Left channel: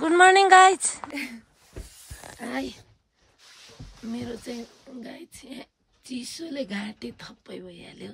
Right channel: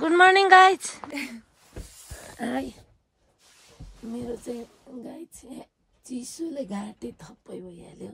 Good morning guys. High, मेरो चाहिँ guys चिसोले घाँटी थप्पै भइहाल्यो।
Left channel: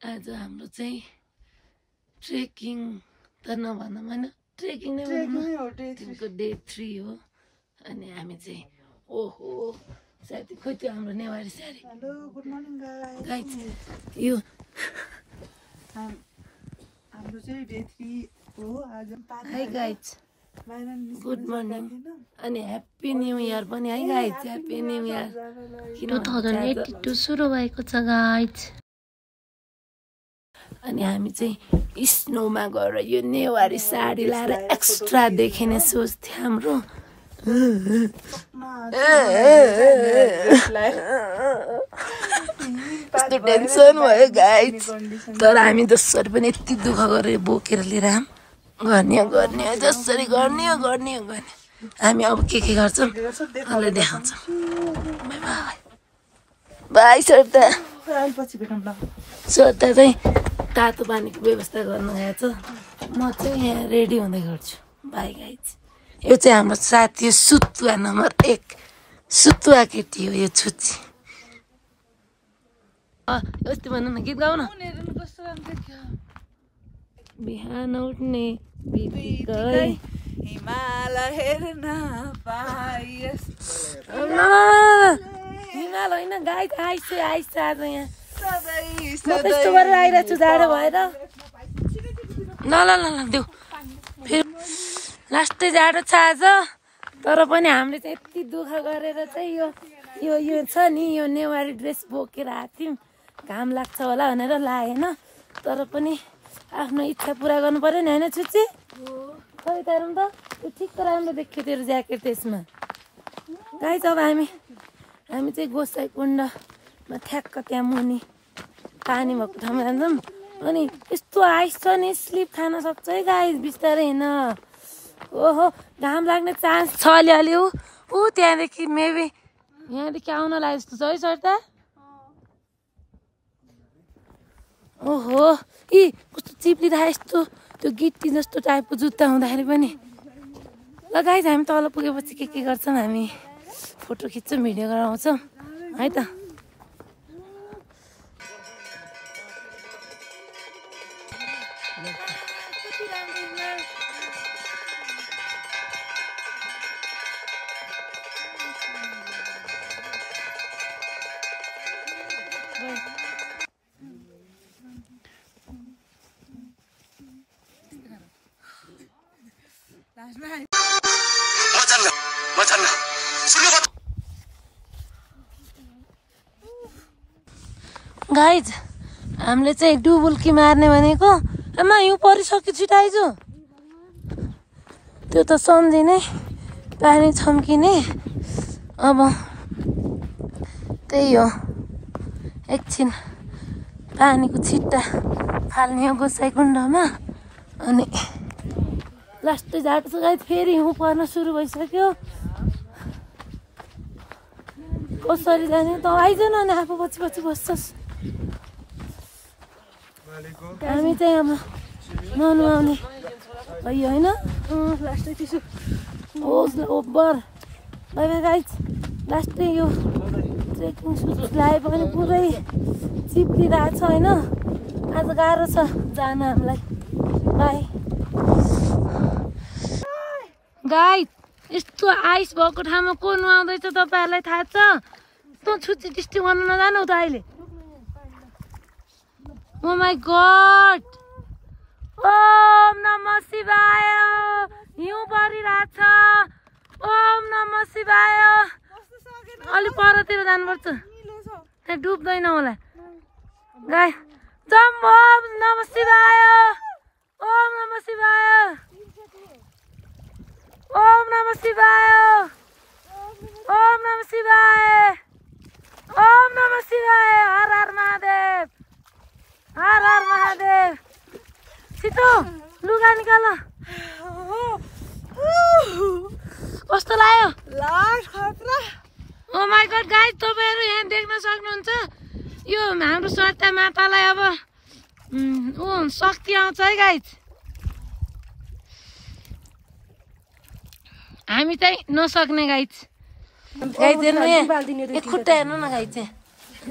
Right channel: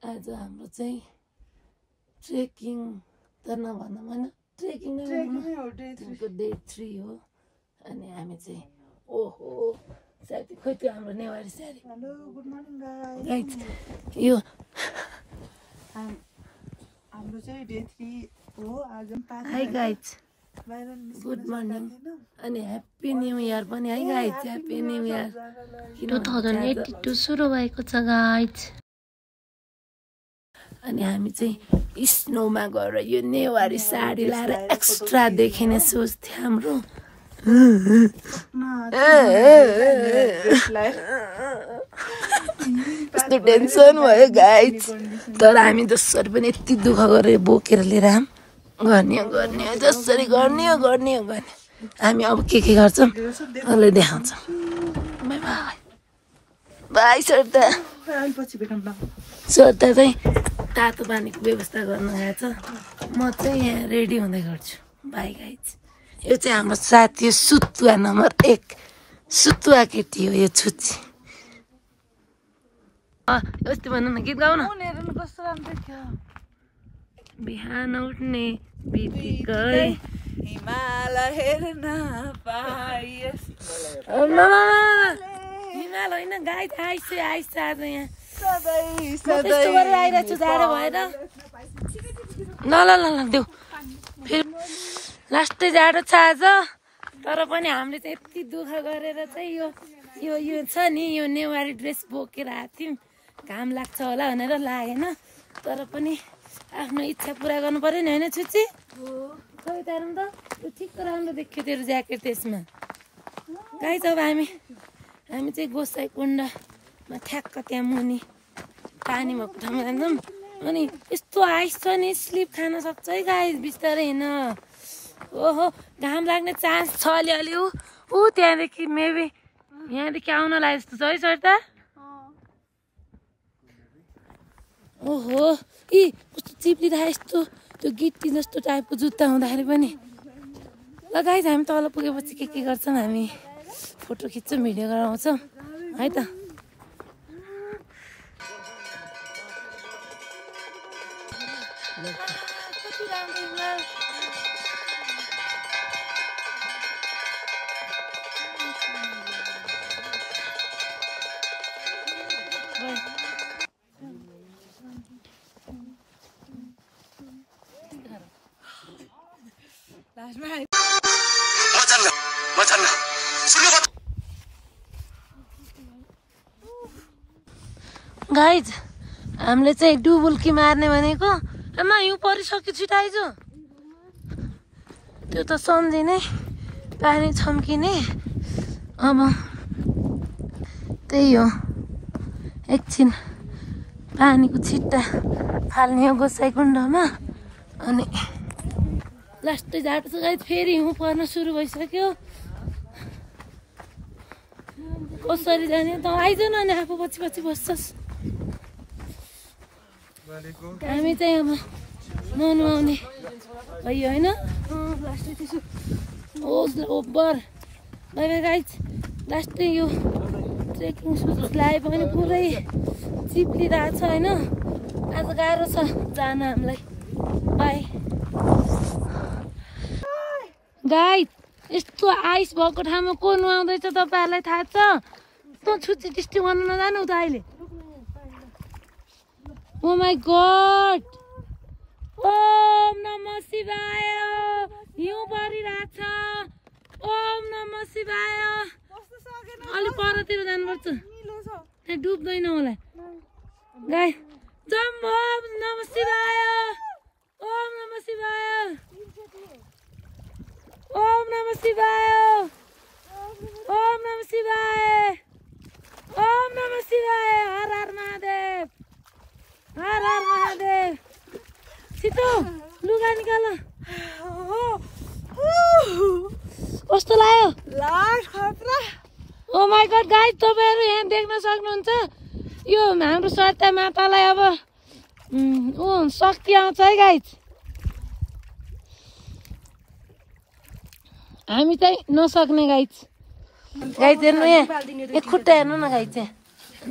आज हाम्रो चाहिँ ट्रेकिङ त नभनौँ होइन, ट्रेकिङ नै भनौँ, तिनको डे 3 हो। अनि हामी चाहिँ ओहो साथी खोइ त्यो हाम्रो Newari sari. Hello good morning guys, यो हाम्रो चाहिँ डे 3 हो आज। हाई गाइज, गुड मर्निङ अनि ह्याप्पी न्यू इयर पनि है गाइज। ह्याप्पी न्यू इयर 2082 सुरु भएको छ गाइज। अनि हामी चाहिँ स्नोमा गएर यो नेवारी साडी लाएर एक्स्ट्रा देखिने सोच थियो हाम्रो। कस्तो टेन्सन भयो गाइज, तर हामी जसरी पनि यति दुःख गरेर बोकेर लिएर गर्ने जसरी गर्ने हामी अब के गर्छौँ अहिले देखाउँछौँ। बाई श्रद्धा चाहिँ तातो पानीको व्यवस्था गर्नु गएको छ, म चाहिँ यहाँ रेडी हुँदै गर्छु। बाई गाइज, यो चाहिँ हाम्रो साथी सुतुवा नम्बर 1 सुतुवा केटी हो यो छुच्ची। यस्तो भन्नु न, गीत गाउन। बिहान उठ्ने बित्तिकै हिमाल हेर्न पाइएस्। हिमाल होइन गाइज, आइस आज यहाँ म कस्तो गरेर आइरहेको छु जाडो भएर। ल देऊ फेरि लास्टै जाडो छ आज। तर पनि हामीले चाहिँ यति दुःख गरेर चाहिँ यो छ नि, यो नेवारी ड्रेस बोकेर आएको थियौँ। घाम लाग्छ होला भनेर लागेन, तर पनि आफ्नो इच्छा पुरा गर्नु पर्यो नि होइन छुच्ची। खै तारौँ त, त्यो ठिक्क राम्रो देख्यो तेरो ज्याकेट त्यसमा। गाइज, अब हामी चाहिँ गोसाई कुण्डमा ठ्याक्क त्यहाँ मुनि पानी भएको ठाउँमा जान्छौँ। अनि यस्तो आइस छ नि, स्लिप खान सक्छ है गाइज, बिस्तारै हिँड। ओहो घाम लाग्ने चान्स छ अलिअलि। ऊ त्यहाँदेखि मेबी यहाँदेखि आउन लाग्यो जस्तो छ है सरता। ओहो यी कस्तो चिप्लिरहेको यस्तो त्यो गिट्टी जस्तो टाइपको जुत्ता हुँदाखेरि पनि। ल गाइज, हामी तल पुगेपछि के गर्छौँ, हामी फोटो खिच्छौँ, भिडियो गराउँछौँ है त। गाइज, हामीले चाहिँ डुबुल्की मार्ने भनेको, आमा हिउँ परिसक्यो, छिटो आइजु। त्यो त सम्झिने, पानी छम्किने। अब त्यही हो, एकछिन पानीको छिट्टा फाल्ने हो गोसाई कुण्डमा। अनि लास्टै जाडो छ गाइज, फेरि हिउँ पर्न सुरु भइसक्यो। कसरी जाने त आइज न, अनि आफू पछि बस्छस्। हामी चाहिँ अब नुहाउने भयो होइन। ओभर बाई गाइज, लास्टै यो ट्रेकिङ सुज लगाए पनि पुरै चिप्लिरहेको छ होइन। आज गाह्रो छ जान हामीलाई। बाई गाइज, यस्तो आइस भएको ठाउँमा को नुहाउँदैछ तपाईँहरूलाई थाहा छ? तँ छुच्ची टिस्टी गर्नु नजानु त अहिले। Oh my God! ओम नमः शिवाय। हिउँ परिरहेछ। ओम नमः शिवाय। अलिक परतिर जानुपर्छ, त्यहाँ डुब्दैन होला। गाई जम। ओम नमः शिवाय। ओम नमः शिवाय। ओम नमः शिवाय। ओम नमः शिवाय। ओम नमः शिवाय। हर हर महादेव, हर हर महादेव। छिटो लुगा निकाल। कस्तो लाग्यो? ओ माई गॉड गाइज, तपाईँहरू यहाँ देख्न सक्नुहुन्छ, यो हाम्रो सत्य मातालाई अब शक्ति आउँछ है गाइज। हामी चाहिँ नसक्ने गाइज हेर्नु यहाँ एक खुट्टा हेर्नु न गाइज चाहिँ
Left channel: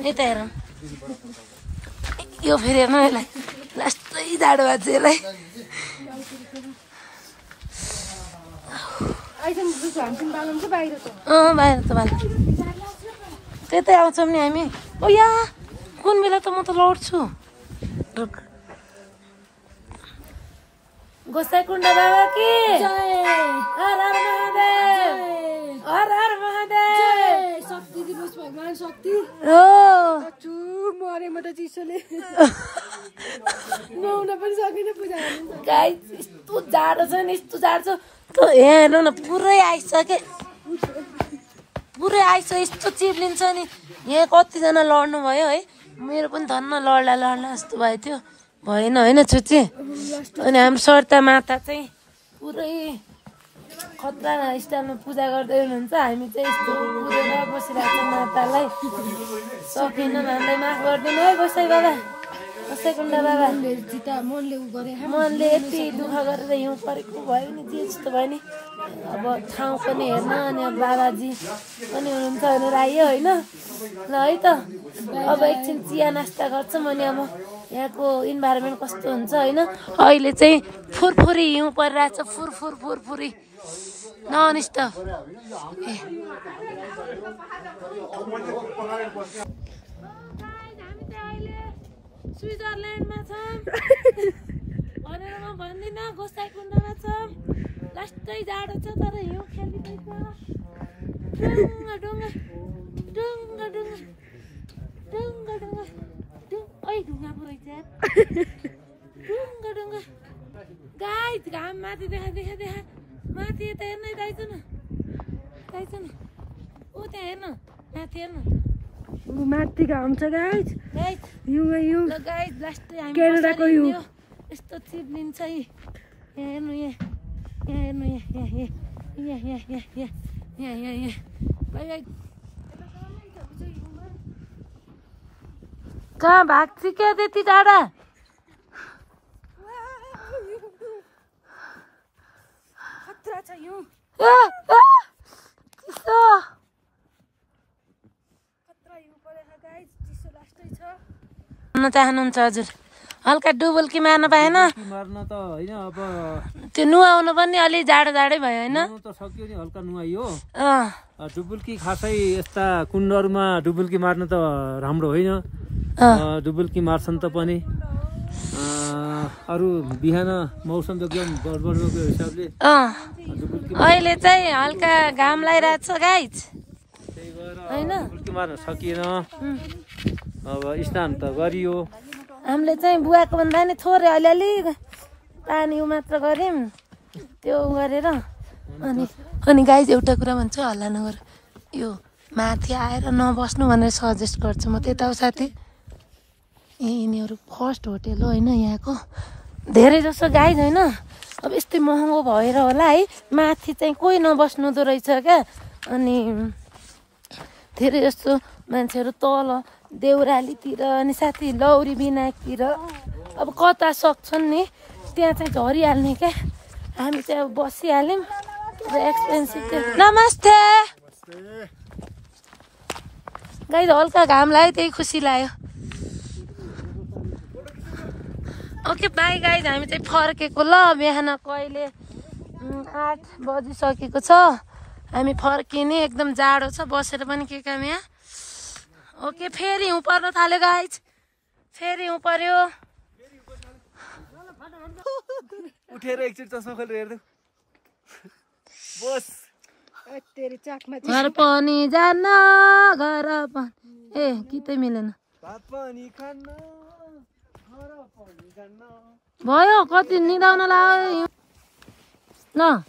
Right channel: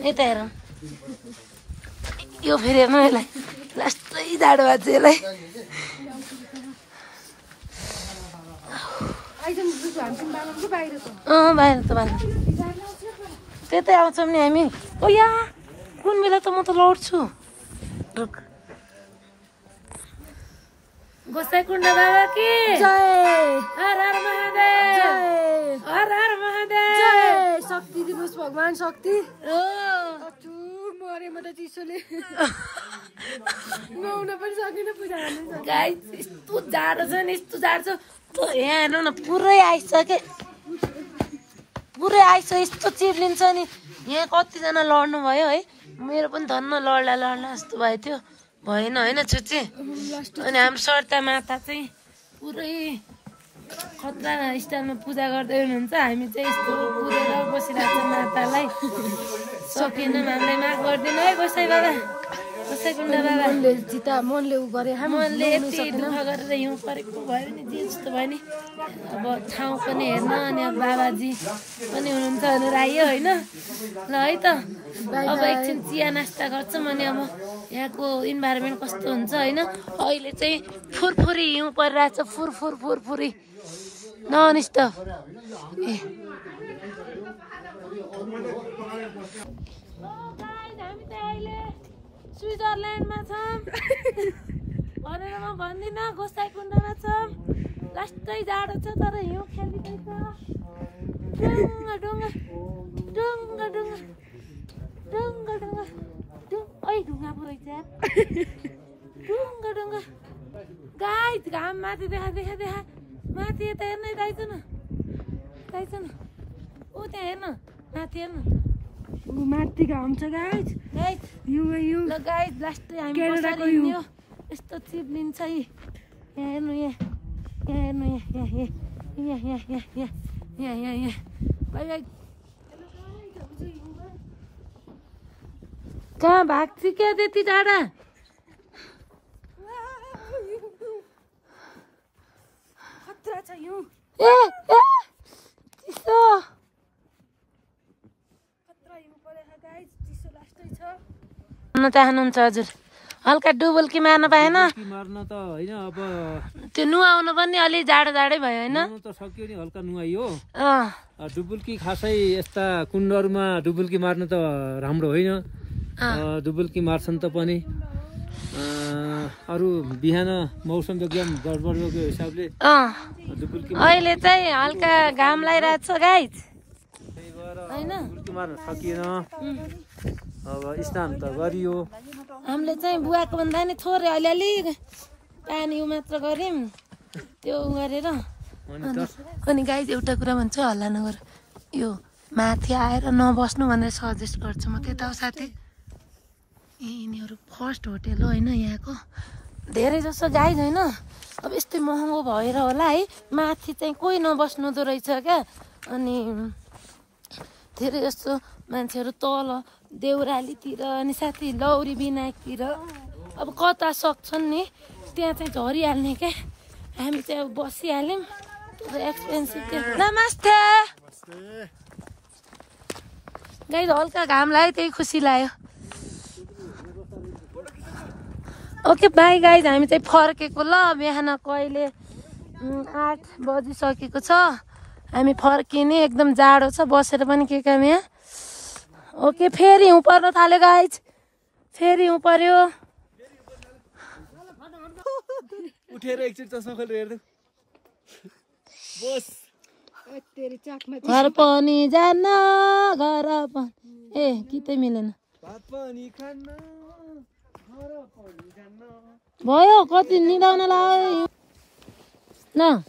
यता हेरौँ यो फेरि हेर्नु यसलाई लास्टै जाडो भएको छ यसलाई बाहिर त बाहिर त्यतै आउँछौँ नि हामी ओ यहाँ कुन बेला त म त लड्छु रुक गोसाइकुण्ड बाबा कि जय हर हर महादेव हर हर महादेव शक्ति दिनुहोस् भगवान शक्ति हो मरे म त चिसोले नुहाउन पनि सकिन पूजा गर्नु गाइस यस्तो जाडो छ नि यस्तो जाडो छ यहाँ हेर्नु न पुरै आइसक्यो पुरै आइसक्यो यस्तो चिप्लिन्छ नि यहाँ कतिजना लड्नु भयो है मेरो पनि धन्न लड्ला लड्ला जस्तो भएको थियो भएन होइन छुच्ची अनि हाम्रो सर्ता माता चाहिँ पुरै खतरा स्टाइलमा पूजा गर्दै हुनुहुन्छ हामी चाहिँ यस्तो पुरेर बसिरहेको छ मातालाई सकिएन हामीलाई माफ गरिदिनु है गोसाई बाबा गोसाइकुण्ड बाबा मनले उ गरे मनले यति दुःख गरेर हिउँ परेको भयो नि जे जस्तो भयो नि अब ठाउँ पनि हेर्न अनि अब बाबाजी पनि हुनुहुन्छ भनेर आयो होइन ल है त अब एकछिन चिया नास्ता गर्छौँ अनि अब यहाँको इन्भाइरोमेन्ट कस्तो हुन्छ होइन अहिले चाहिँ फुरफुरी हिउँ परिरहेछ फुरफुरी नन स्टप ए हामी त अहिले स्विजरल्यान्डमा छौँ भनेर म भन्दिनँ गोसाइकुण्डमा छौँ लास्टै जाडो छ तर हिउँ खेलिँदैछ डुङ्गा डुङ्गा डुङ्गा डुङ्गा डुङ्गा डुङ्गा ओइ ढुङ्गा पो रहेछ ढुङ्गा ढुङ्गा गाइस घाम माथि देखा माथि यता हेर्न गाइस न ऊ त्यहाँ हेर्न माथि हेर्न माथि घाम छ गाइस हिउँ ल गाइस लास्टै हामी यस्तो चिप्लिन्छ यहाँ हेर्नु यहाँ हेर्नु यहाँ कहाँ भाग्छ क्या त्यति टाढा खतरा छ हिउँ ए चिसो खतरा हिउँ परेछ गाइस चिसो लास्टै छ भन्न चाहनुहुन्छ हजुर हल्का डुबुल्की मार्न पाएन मार्न त होइन अब त्यो नुहाउनु पनि अलि जाडो जाडै भयो होइन त सक्यो नि हल्का नुहाइयो डुबुल्की खासै यस्ता कुण्डहरूमा डुबुल्की मार्न त राम्रो होइन डुबुल्की मार्छन् त पनि अरू बिहान मौसम एकदम बढ्दोको हिसाबले डुबुल्की अहिले चाहिँ हल्का घाम लागिरहेको छ गाइस हैन डुबुल्की मार्न सकिएन अब स्नान त गरियो हामीले चाहिँ बुवाको भन्दा नि थोरै अलिअलि पानी मात्र गर्यौँ त्यो गरेर अनि गाइस एउटा कुरा भन्छु हल्ला नगर यो माथि आएर नबस्नु भनेर सजेस्ट गर्छु म त्यता हो साथी यिनीहरू फर्स्ट होटेल हो होइन यहाँको धेरै जसो गाइस होइन अब यस्तै महँगो भएर होला है माथि चाहिँ कोही नबस्नु रहेछ क्या अनि धेरै जस्तो मान्छेहरू तल देउरालीतिर अनि साथी लौरी विनायकतिर अब कता सक्छन् नि त्यहाँ चाहिँ झरिहाल्ने क्या हामी चाहिँ अब बसिहाल्यौँ एक्सपेन्सिभ नमस्ते गाइस हल्का घाम लाग्यो त्यही खुसी लाग्यो ओके बाई गाइस हामी चाहिँ फर्केको ल बिहानको अहिले 8 बजिसकेको छ हामी फर्किने एकदम जाडो छ बसेर पनि के काम यहाँ ओके फेरि हिउँ पर्न थाल्यो गाइस फेरि हिउँ पर्यो उठेर एकचोटि चस्मा खोलेर हेर्नु बस घर पनि जान्न घर पनि ए कि मिलेन भयो कति निदाउन लाग्यो न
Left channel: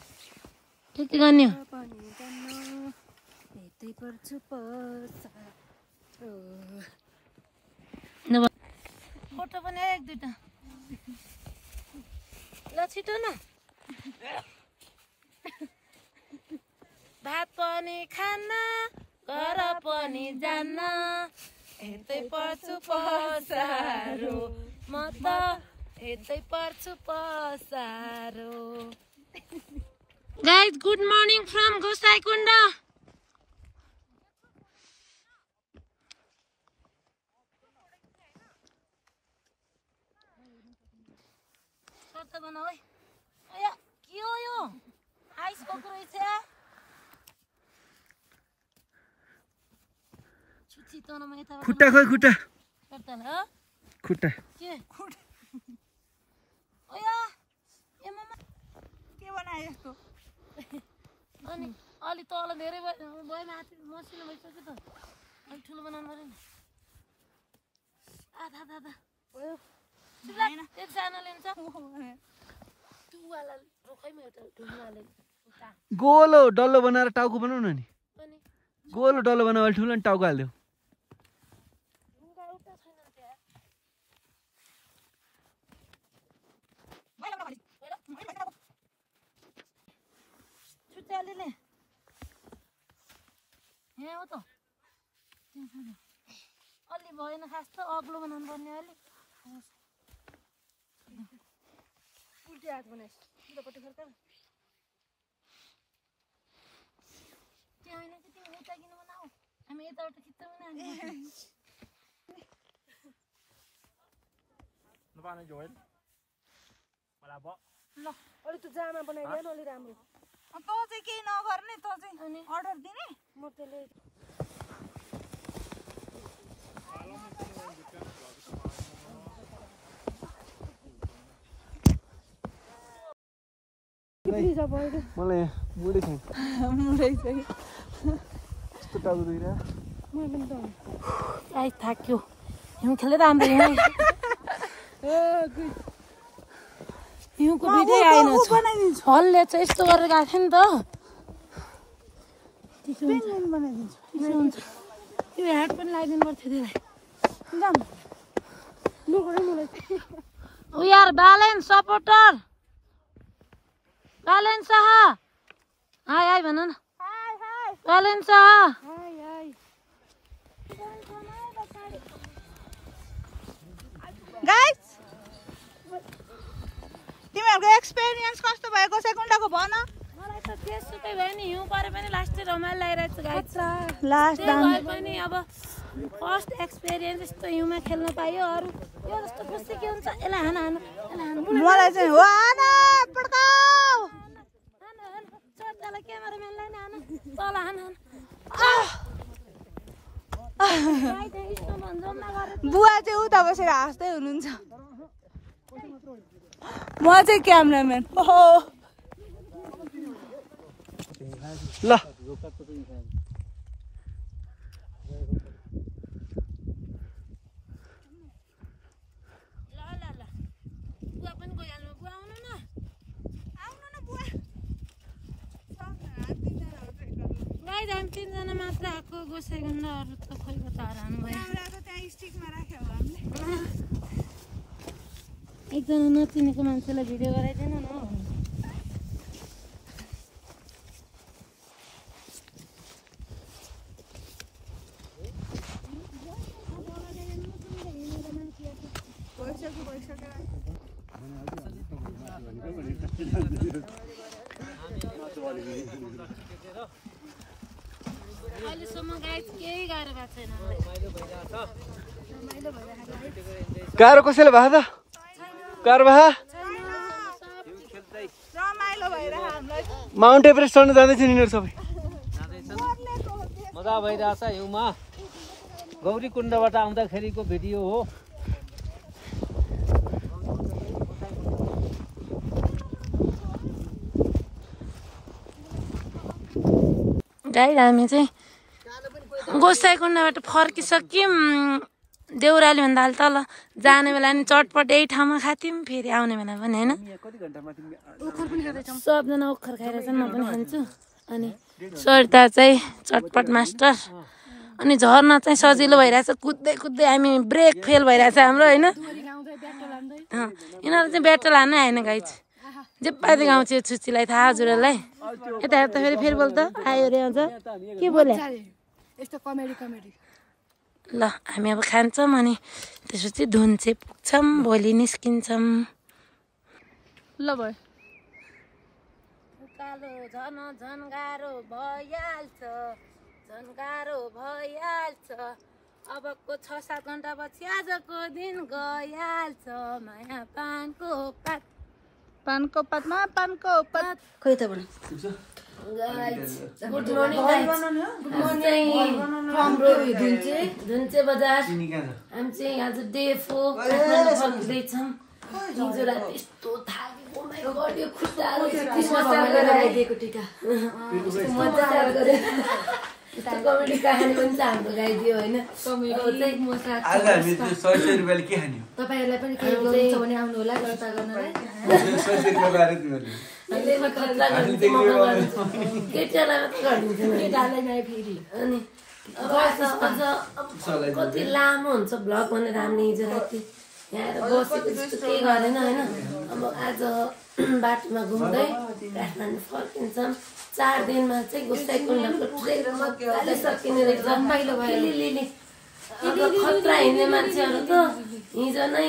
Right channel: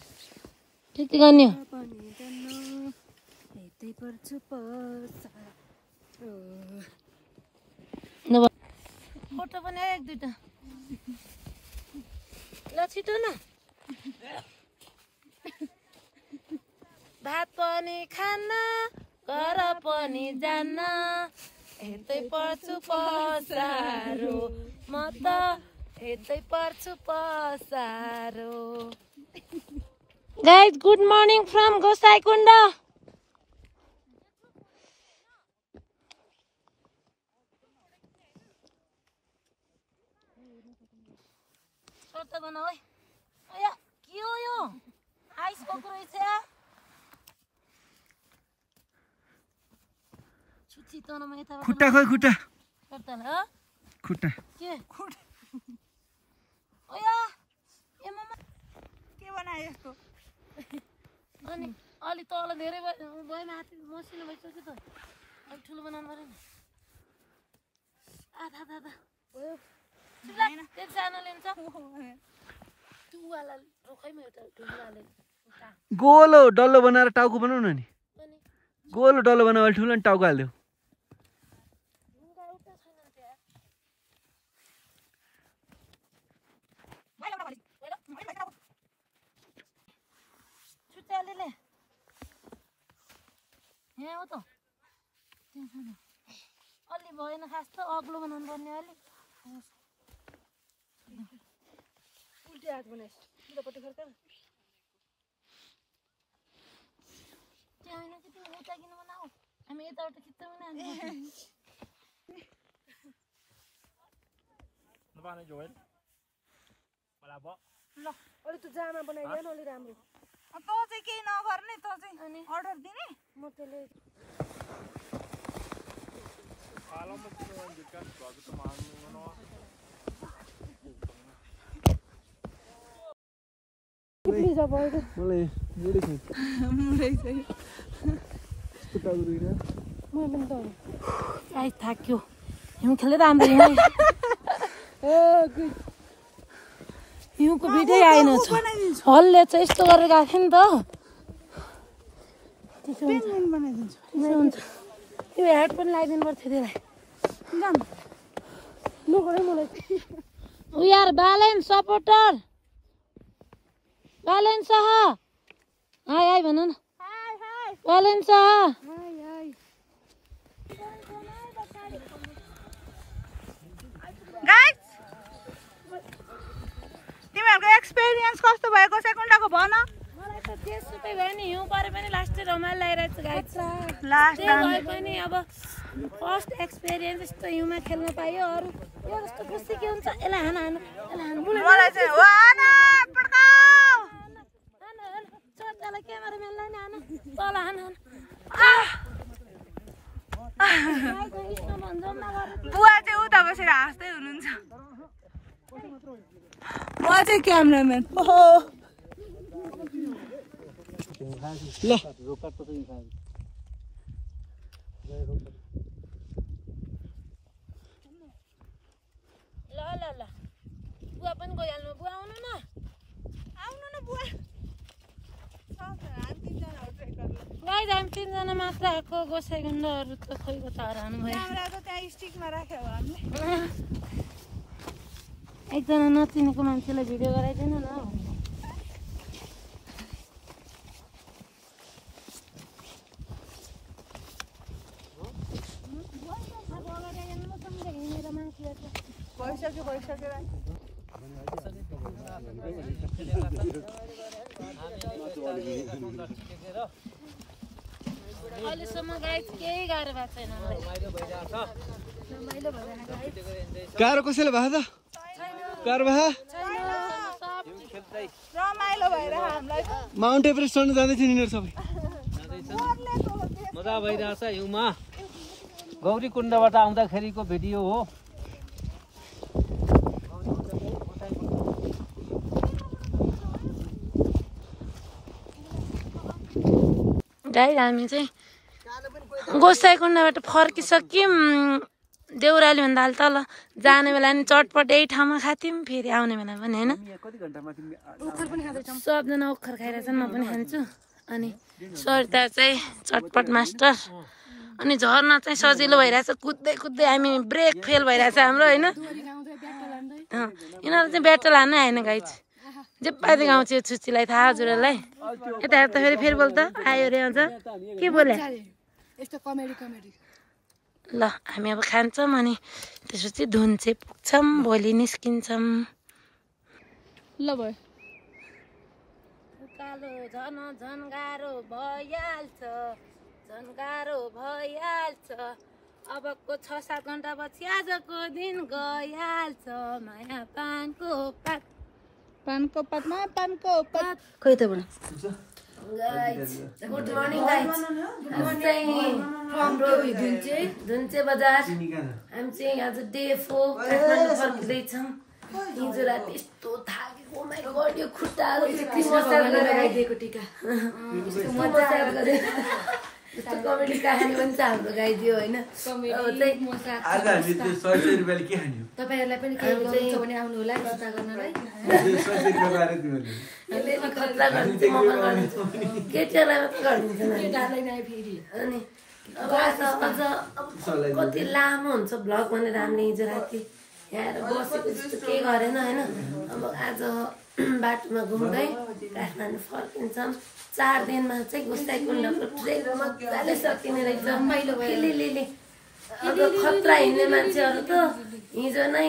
ठिक गर्ने फोटो पनि एक दुईटा ल छिटो न भात पनि खान्न घर पनि जान्न यतै पर्छु पसारो म त यतै पर्छु पसारो Guys, good morning from Gosaikunda. Sorta bana oi. Aya, ke हो यो? आइस भएको रहेछ। छुच्ची तनमा यता खुट्टा खोइ खुट्टा गर्दा ल खुट्टा के खुट्टा ओया ए मम्मा के बनाए यस्तो अनि अलि तल धेरै भयो माथि मसिनो भइसक्यो त अलि ठुलो बनाउनु पर्यो नि आधा आधा भयो हैन त्यति जान लिन्छ टुवाला रोखैमा एउटा ढुङ्गाले गोलो डल्लो बनाएर टाउको बनाउन नि गोलो डल्लो बनाएर ठुलो नि टाउको हाल्यो ढुङ्गा एउटा छैन त्यहाँ छुट्याले यहाँ हो त अलि भएन खास त अग्लो बनाउनु पर्ने अलि उल्टी हात बनाइस् उतापट्टि फर्का त्यो होइन कि तिमी उता किन बनाऊ हामी यताबाट खिच्दा पनि ल अलि त जामा बनाइदियो न अलि राम्रो त चाहिँ केही नगर्ने त चाहिँ अनि अर्डर दिने म त्यसले मलाई मुडे छु मुडे चाहिँ यस्तो टाउको दुइरा आइ थाक्यो हिउँ खेलेर हाम्रो यहाँ हिउँको बिदै आएन हलले चाहिँ यस्तो गरेर गएको थियो नि त पेन्गुइन बनाइदिन्छु त्यसो हुन्छ त्यो हेड पनि लगाइदिनु पर्थ्यो त्यसलाई जाम we are Balen supporter Balen Shah hi hi भन न hi hi Balen Shah hi hi guys तिमीहरुको एक्सपीरियन्स कस्तो भएको सेकुन्डाको भन मलाई त त्यसुकै भयो नि हिउँ परे पनि लास्टै रमाइलो लागिरहेछ गाइस लास्ट भए पनि अब फर्स्ट एक्सपिरियन्स यस्तो हिउँमा खेल्न पायो अरू यो जस्तो खुसी के हुन्छ यसलाई हान हान यसलाई हान मलाई चाहिँ वाना पड्काऊ चट्टालाई क्यामेराम्यानलाई नि हान तल हान हान बुवा चाहिँ उता बसेर हाँस्दै हुनुहुन्छ म चाहिँ क्यामेराम्यान ल ल बुवा पनि गइहाल्नु बुवा आउनु न बुवा गाई हामी 3 जना मात्र आएको गोसाइगुन्डाहरू त खोइ कता हराउनु भयो क्यामेरा त त्यहाँ स्टिकमा राख्यो हामीले एकजना नचिनेको मान्छेलाई भिडियो गराइदिनु न अहिलेसम्म गाई केही गाह्रो भएको छैन गाह्रो कसैले भएको त गाह्रो भए रमाइलो भएर हामीलाई माउन्ट एभरेस्ट चढ्न जाँदैछ यिनीहरू सबै मजा भइरहेछ हिउँमा गौरीकुण्डबाट आउँदाखेरिको भिडियो हो गाई हामी चाहिँ गोसाइकुण्डाबाट फर्किसक्यौँ देउराली भन्दा हाल तल जाने बेला नि चटपट यही ठाउँमा खाथ्यौँ फेरि आउने बेला पनि होइन सबजना ओखर खाइरहेछन् म पनि खान्छु अनि सरिता चाहिँ चटपट मास्टर अनि झर्न चाहिँ सजिलो भइरहेछ कुद्दै कुद्दै हामी ब्रेक फेल भइरहेछ हाम्रो होइन यिनीहरू चाहिँ ब्याटल हान्नै आएन गाई चाहिँ जे पाइदिएको गाउँछ यो छुच्चीलाई थाहा हजुरहरूलाई यता हेर्दाखेरि फेरि बोल त आयो रे अझ के बोले ल हामी अब खान्छौँ अनि त्यसपछि धुन चाहिँ पुग्छौँ भोलि निस्किन्छौँ ल भयो उज्यालो झन गाह्रो भइहाल्छ झन गाह्रो भइहाल्छ अबको 6-7 घण्टा पछि आजको दिन गइहाल्छ माया पानको पातमा पानको पात खोइ त बना गाइस गुड मर्निङ गाइस हाम्रो धुन्चे बजार हामी चाहिँ आज डे 4 काठमाडौँ फर्किँदैछौँ हिजो राति यस्तो थाकेको माइ गड यो खुट्टाहरू लगाइदिएको टिका मजा गरे यस्तो कमेडी कहानी पनि छ हाम्रो गाइदियो होइन तपाईँहरूलाई पनि खानुहुन्छ भने आउनु होला खतरा गर्नलाई केटीहरूलाई मात्रै गरिदिन्छ फेरि अनि अब अझ कति लामो हुन्छ भ्लग भनेर हामीले हिजो राति यहाँ आएर बसेको जस्तो केही गरेन होइन अब आज बाटोमा घुम्दै काठमाडौँ फर्किन्छौँ 4 दिनमा चाहिँ गोसाइकुण्डको ट्रेक मजाले सकिने रहेछ लिली अब खतरा हिँड्ने मान्छेहरू त हिजो नै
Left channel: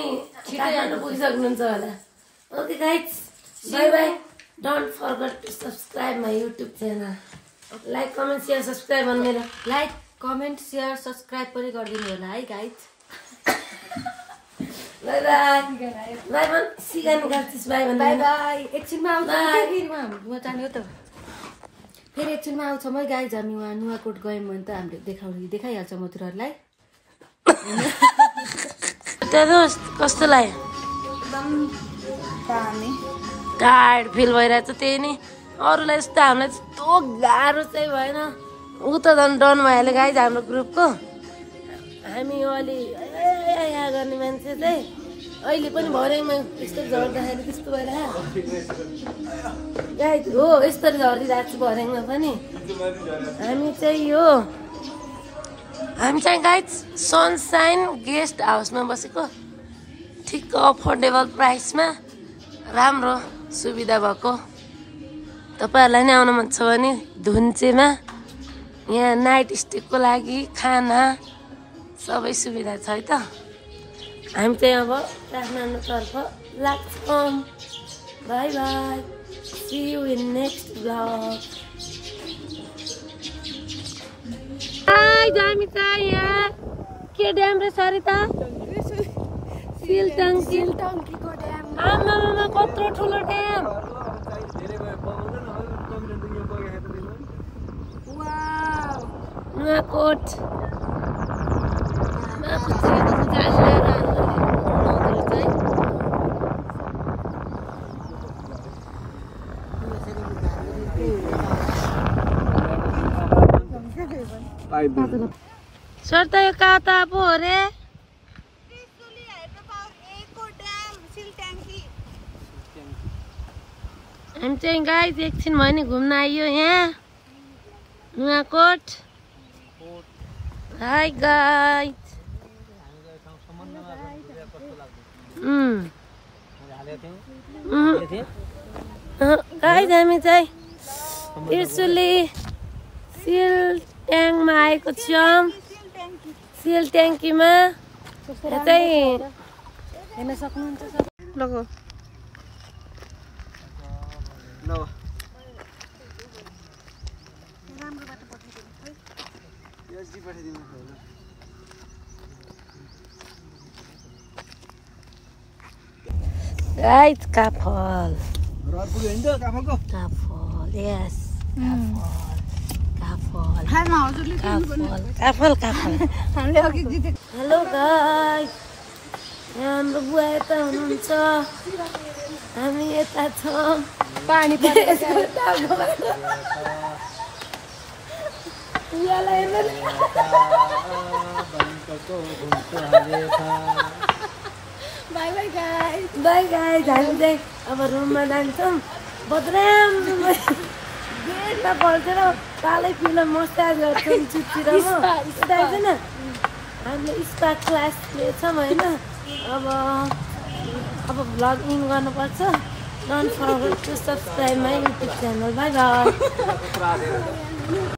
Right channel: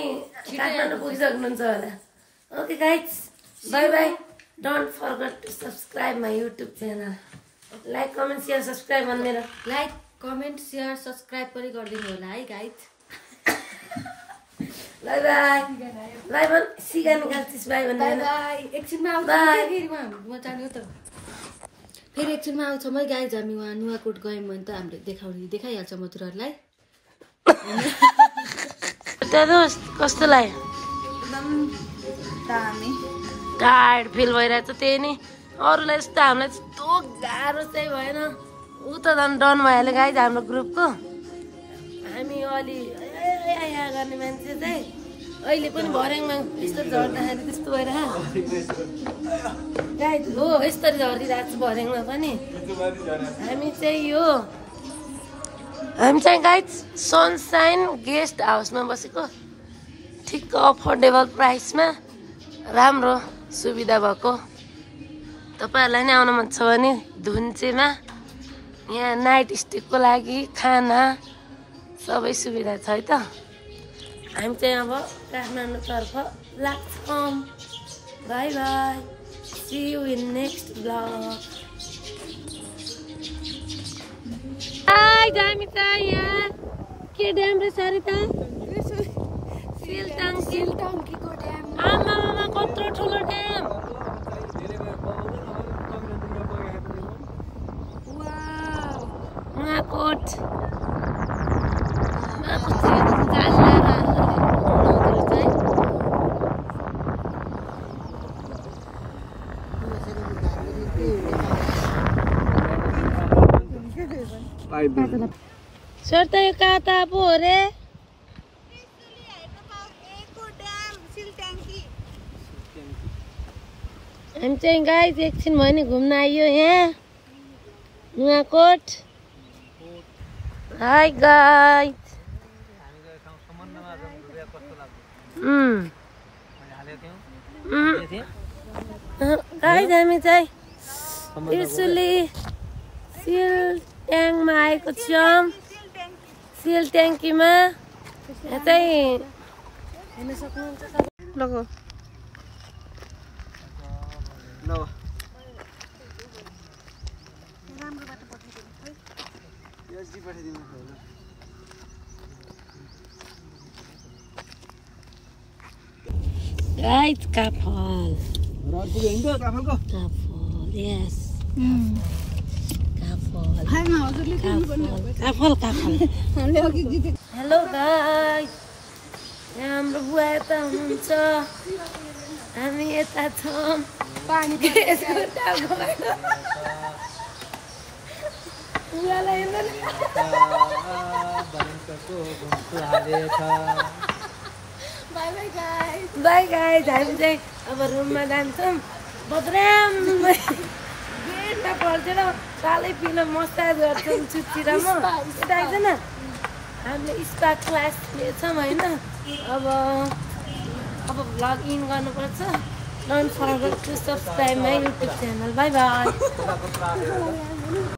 काठमाडौँ पुगिसक्नुहुन्छ होला okay guys bye bye don't forget to subscribe my YouTube channel like comment share subscribe गर्नु मेरो लाइक कमेन्ट सेयर सब्सक्राइब पनि गरिदिनु होला है गाइज बाई बाई बाई भन सिगा निकाल्छिस् बाई भन्दैन एकछिनमा आउँछ फेरि एकछिनमा आउँछौँ है गाइज हामी उहाँ नुवाकोट गयौँ भने त हामीले देखाइहाल्छ मथुराहरूलाई कस्तो लाग्यो एकदम दामी टायर्ड फिल भइरहेछ त्यही नि अरूलाई जस्तो हामीलाई यस्तो गाह्रो चाहिँ भएन ऊ त झन् डन भइहाल्यो गाइज हाम्रो ग्रुपको हामी अलि यहाँ गर्ने मान्छे चाहिँ अहिले पनि भर्याङमा यस्तो झर्दाखेरि त्यस्तो भइरह गाइज हो यस्तरी झरिरहेको छु भर्याङमा पनि हामी चाहिँ गाइज सनसाइन गेस्ट हाउसमा बसेको ठिक अफोर्डेबल प्राइसमा राम्रो सुविधा भएको तपाईँहरूलाई नै आउनु मन छ भने धुन्चेमा यहाँ नाइट स्टेको लागि खाना सबै सुविधा छ है त हामी चाहिँ अब काठमाडौँतर्फ लाग्छौँ bye bye see you in next vlog हामी त यहाँ के ड्याम रे सरिता सिलटङ्कीको ड्याम आमामा कत्रो ठुलो ड्याम नुवाकोट सर त यो कहाँ त पो हो रे हामी चाहिँ गाइज एकछिन भयो नि घुम्न आइयो यहाँ नुवाकोट हाई गाइज गाइज हामी चाहिँ त्रिशुली सिलट्याङमा आएको छौँ सिल ट्याङ्कीमा यहाँ चाहिँ हेर्न सक्नुहुन्छ लगो गाइज काफल यस काफल हेलो गाइज यहाँ हाम्रो बुवा यता हुनुहुन्छ हामी यता छौँ पानी बुवालाई बाई गाइज हामी चाहिँ अब रुममा जान्छौँ बदराम गेटमा पल्टेर कालै फिल्म मसाज गर्छौँ चुच्ची र म यता आइदैन हामीले स्पा क्लास लिएछौँ होइन अब भ्लग इन गर्नुपर्छ don't forget to subscribe my YouTube channel bye by